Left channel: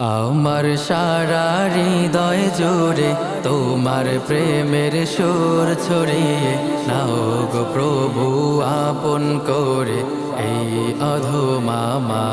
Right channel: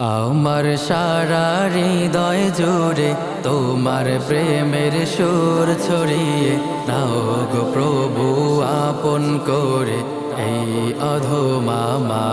আমার সারা হৃদয় জুড়ে তোমার প্রেমের সুর ছড়িয়ে নাও গো প্রভু আপন করে এই অধমামায়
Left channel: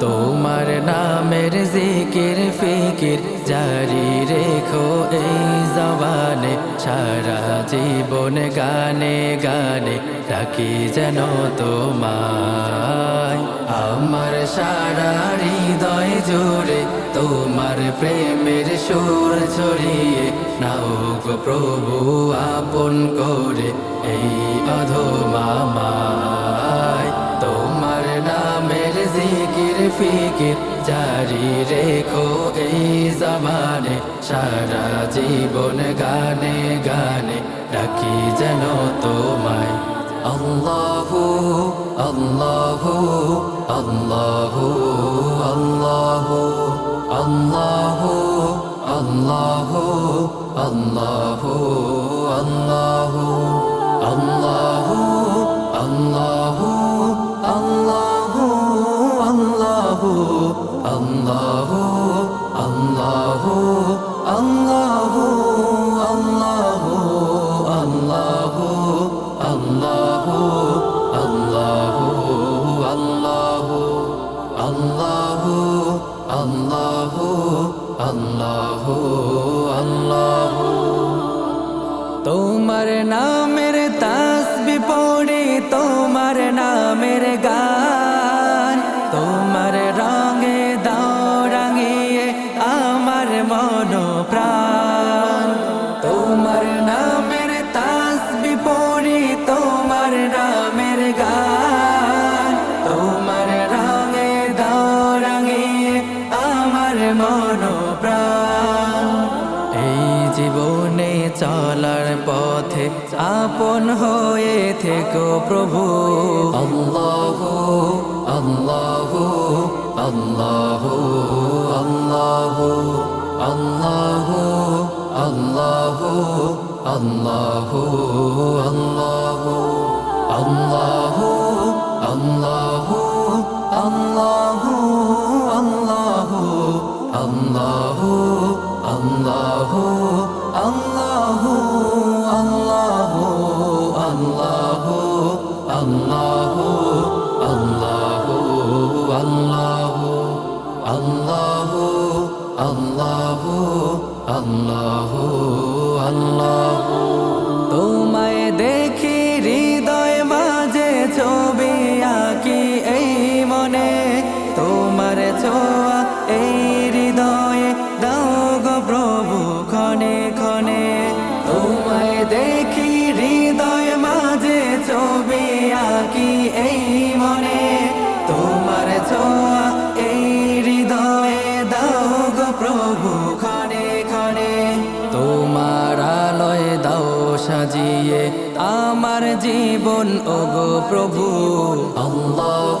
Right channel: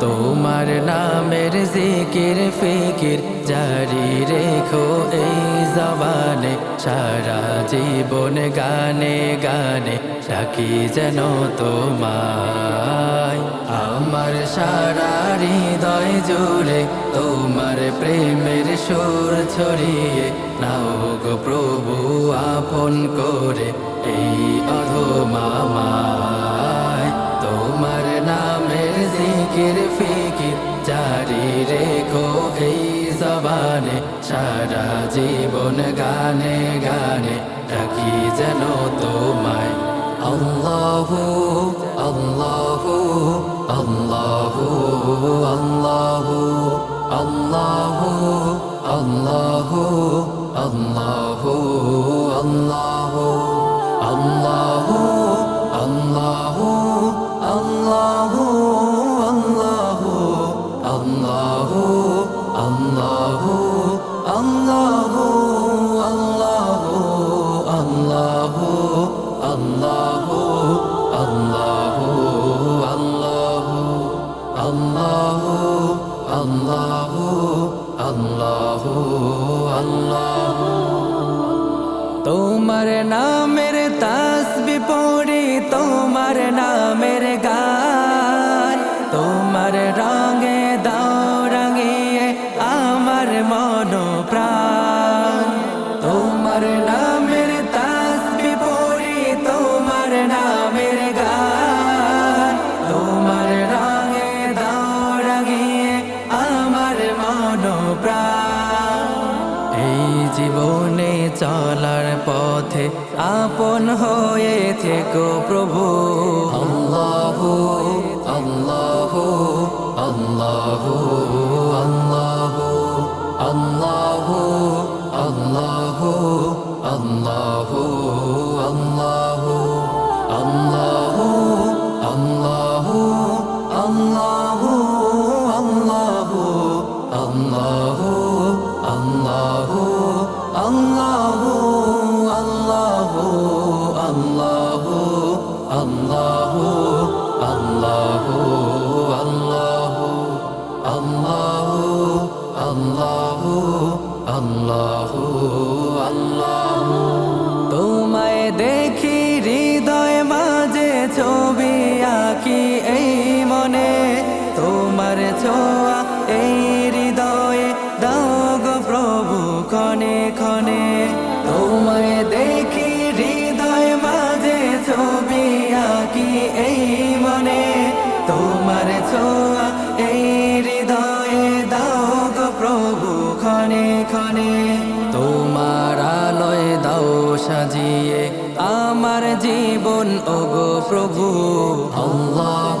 তোমার নামের জিকির ফিকির জারি রেখো এই জবানে, সারা জীবন গানে গানে ডাকি যেন তোমায়। আমার সারা হৃদয় জুড়ে তোমার প্রেমের সুর ছড়িয়ে নাও গো প্রভু, আপন করে এই অধমামায় ফিকির জারি রেখো এই জবানে, সারা জীবন গানে গানে ডাকি যেন তোমায়। আল্লাহু আল্লাহু আল্লাহু আল্লাহু আল্লাহু আল্লাহু আল্লাহু আল্লাহু আল্লাহু আল্লাহু আল্লাহু, আল্লাহ। তোমার নামের তাসবি পড়ে, তোমার নামের গান। তোমার রঙে দাও রাঙিয়ে আমার মন প্রাণ আমার মন প্রাণ এই জীবনে চলার পথে আপন হয়ে থেকো প্রভু আল্লাহ আল্লাহ আল্লাহ আল্লাহ আল্লাহ আল্লাহ আল্লাহ আল্লাহ আল্লাহ আল্লাহ আল্লাহ আল্লাহ আল্লাহ আল্লাহ আল্লাহ আল্লাহ আল্লাহ আল্লাহ আল্লাহ আল্লাহ আল্লাহ আল্লাহ আল্লাহ তোমায় দেখি হৃদয় মাঝে ছবি আঁকি এই মনে তোমার ছোঁয়া, এই হৃদয়ে দাও গো প্রভু ক্ষণে ক্ষণে। তোমায় দেখি হৃদয় মাঝে ছবি আঁকি এই মনে। তোমার ছোঁয়া, এই হৃদয়ে দাও গো প্রভু ক্ষণে ক্ষণে। তোমার আলোয় দাও সাজিয়ে আমার জীবন, ওগো প্রভু। আল্লাহ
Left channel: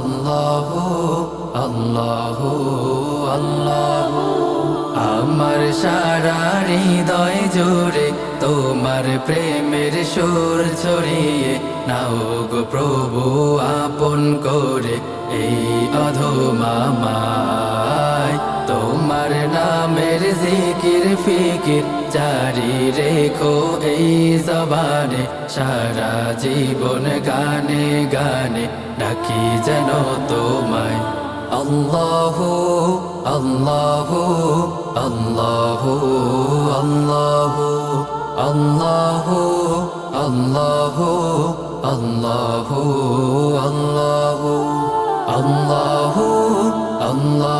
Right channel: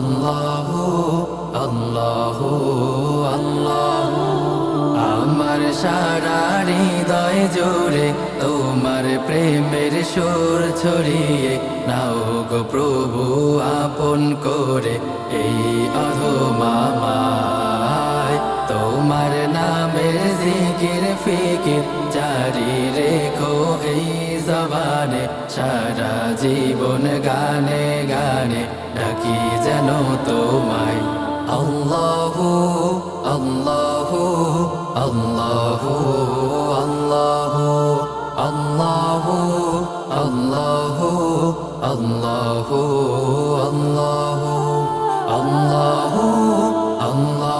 আল্লাহ আল্লাহ আল্লাহ। আমার সারা হৃদয় জুড়ে তোমার প্রেমের সুর ছড়িয়ে নাও গো প্রভু, আপন করে এই অধমামায় তোমার নামের জিকির ফিকির জারি রেখো এই জবানে সারা জীবন গানে গানে ডাকি যেন তোমায় আল্লাহ আল্লাহ আল্লাহ আল্লাহ আল্লাহ আল্লাহ আল্লাহ আল্লাহ আল্লাহ আল্লাহ